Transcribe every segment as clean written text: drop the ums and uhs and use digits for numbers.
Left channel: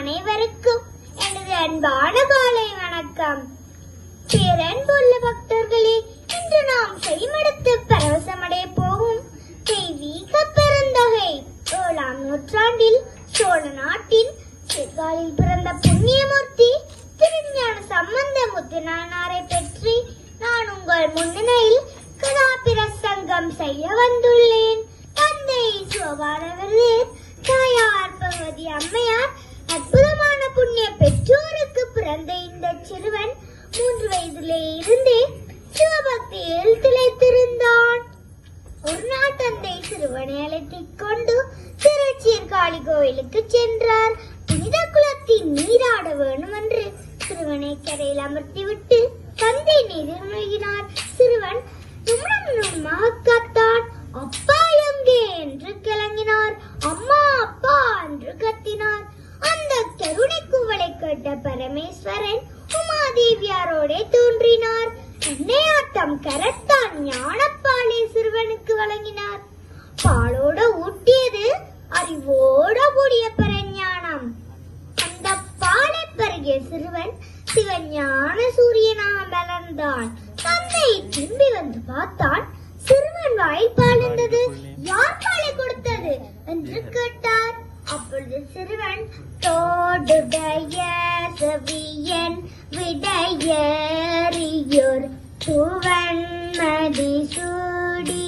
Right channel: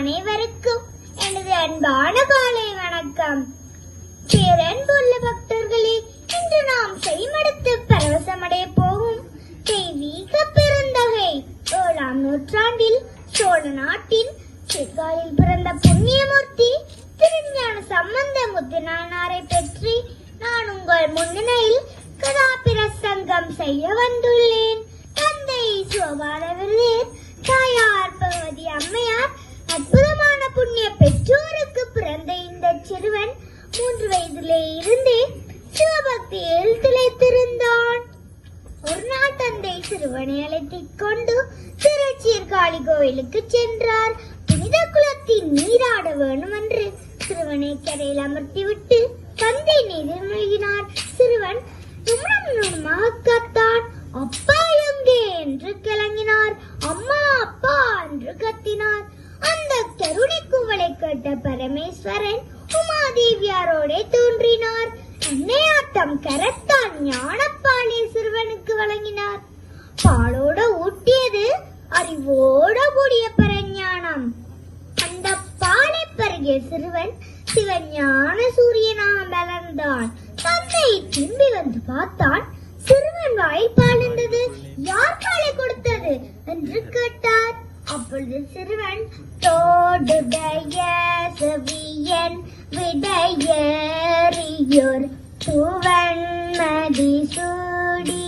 அனைவருக்கும் எனது அன்பான காலை வணக்கம். பேரன்புள்ள பக்தர்களே, இன்று நாம் செய்மடுத்து பரவசமடைய போகும் தெய்வீக பெருந்தொகை 7ஆம் நூற்றாண்டில் சோழ நாட்டின் சிறுகாலில் பிறந்த புண்ணியமூர்த்தி திருஞான சம்பந்த முத்துநாயனாரை பற்றி நான் உங்கள் முன்னிலையில் கதாபிரசங்கம் செய்ய வந்துள்ளேன். தந்தை சோபாதவர்களே, தாயார் பகவதி அம்மையார் அற்புதமான புண்ணிய பெற்றோருக்கு பிறந்த இந்த சிறுவன் 3 வயதிலே இருந்தே சிவபக்தியில் திளைத்திருந்தான். ஒரு நாள் தந்தை சிறுவனை அழைத்துக் கொண்டு திருச்சீர்காழி கோயிலுக்கு சென்றார். புனித குளத்தில் நீராட வேண்டும் என்று சிறுவனை கரையில் அமர்த்திவிட்டு தந்தை நீரில் மூழ்கினார். சிறுவன் கத்தான். அப்பா எங்கே என்று கிளம்பினார். அம்மா அப்பா என்று கத்தினார். அந்த கருணை கூவலை கேட்ட பரமேஸ்வரன் உமாதேவியாரோடே தோன்றினார். அன்னையாட்டம் கரத்தான் ஞானப்பாலை சிறுவனுக்கு வழங்கினார். பாலோட ஊட்டியது அறிவோட கூடிய பரஞானம். அந்த பாலை பருகிய சிறுவன் சிவஞான சூரியனாக வளர்ந்தான். தந்தை திரும்பி வந்து பார்த்தான். சிறுவன் வாயில் பால் இருந்தது. யார் பாலை கொடுத்தது என்று கேட்டார். அப்பொழுது சிறுவன் தோடுடைய செவியன் விடையறியோர் சுவன்மதி சூடி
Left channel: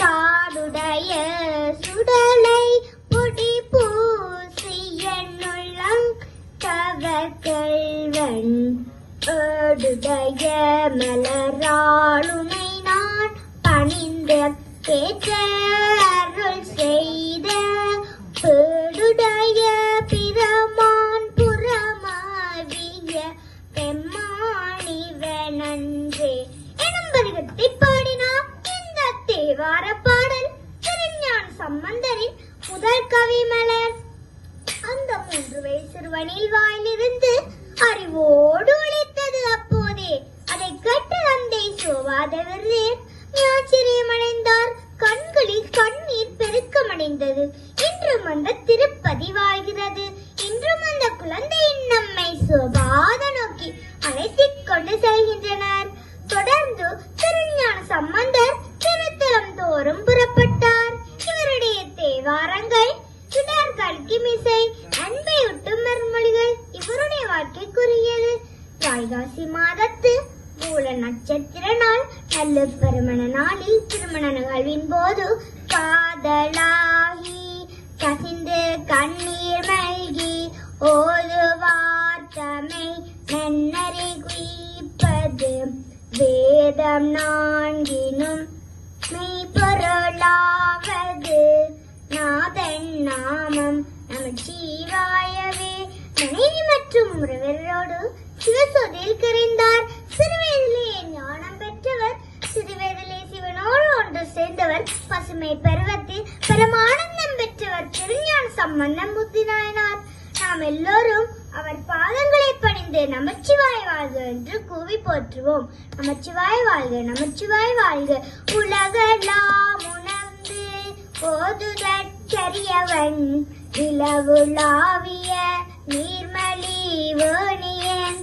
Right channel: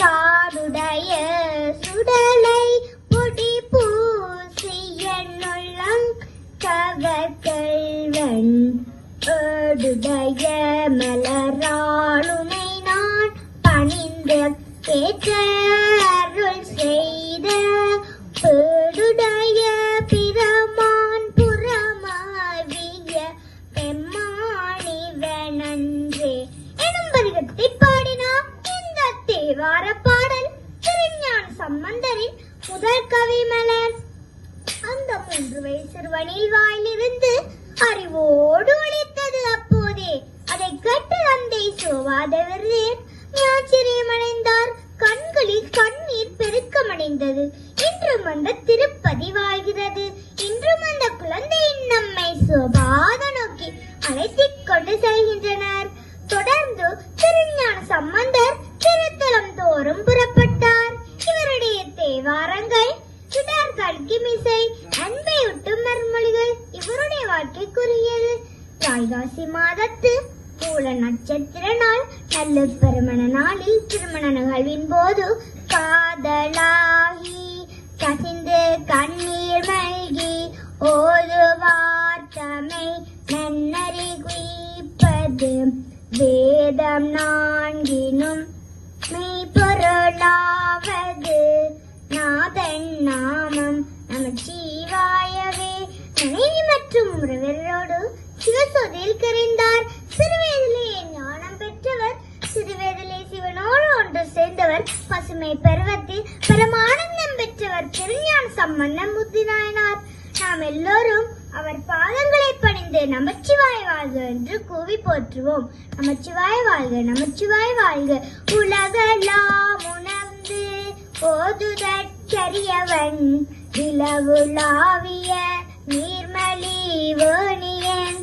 காடுடைய சுடலை பொடி பூசியன் உள்ளம் கவக்கல்வன் ஓடுடைய மலராளுனை நான் பணிந்த கேட்ட அருள் செய்த பேடுடைய பிரமான் புறமாவிய பெம்மானிவனன்றே எனும் பதிகத்தை பாடினார். இந்த தேவார பாடல் திருஞான சம்பந்தரின் முதல் கவி மலர். அந்த 3 வயது சிறுவனின் வாயிலிருந்து அறிவோடு உழைத்தது. அப்போதே அதை கேட்டு தந்தை சோவாதவரே ஆச்சரியமடைந்தார். கண்களில் கண்ணீர் பெருக்கமடைந்தது. இன்றும் அந்த திருப்பதி வாழ்கிறது. இன்றும் அந்த குழந்தையின் நம்மை சோபாத நோக்கி அழைத்துக் கொண்டு செல்கின்றனர். தொடர்ந்து திருஞான சம்பந்தர் திருத்தலம் தோறும் புறப்பட்டார். இவருடைய தேவாரங்கள் கிமிசை அன்பை விட்டும் மறுமொழிகள் இவருடைய வாழ்க்கைக்குரியது. வைகாசி மாதத்து மூல நட்சத்திர நாள் நல்ல திருமண நாளில் திருமண நிகழ்வின் போது காதலாகி கசிந்து கண்ணீர் மல்கி ஓலுவார் தமை நன்னறி குய்ப்பது வேதம் 4னும் பொருளாவது நாதன் நாமம் நமச்சிவாயவே. மனைவி மற்றும் உறவரோடு சிவசோதியில் கரைந்தார். சிறுவயதிலே ஞானம் பெற்றவர், சிறுவயதிலே சிவனோடு ஒன்று சேர்ந்தவர், பசுமை பருவத்தில் பரமானந்தம் பெற்றவர் திருஞான சம்பந்த முத்துநாயனார். நாம் எல்லோரும் அவர் பாதங்களை பணிந்து நமச்சிவாய வாழ்க என்று கூவி போற்றுவோம். நமச்சிவாய வாழ்க, நமச்சிவாய வாழ்க. உலகெல்லாம் உணர்ந்து போதுதற்கரியவன் நிலவுலாவிய நீர்மலி வேணியன்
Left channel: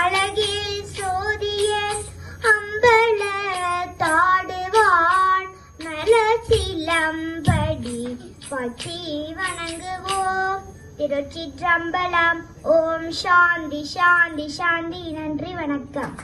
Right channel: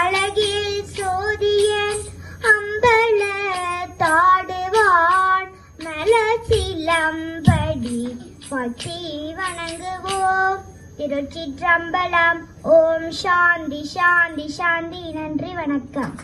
அழகில் சோதியன் அம்பல தாடுவான் மலச்சிலம்படி பற்றி வணங்குவோம். திருச்சிற்றம்பலம். ஓம் சாந்தி சாந்தி சாந்தி. நன்றி, வணக்கம்.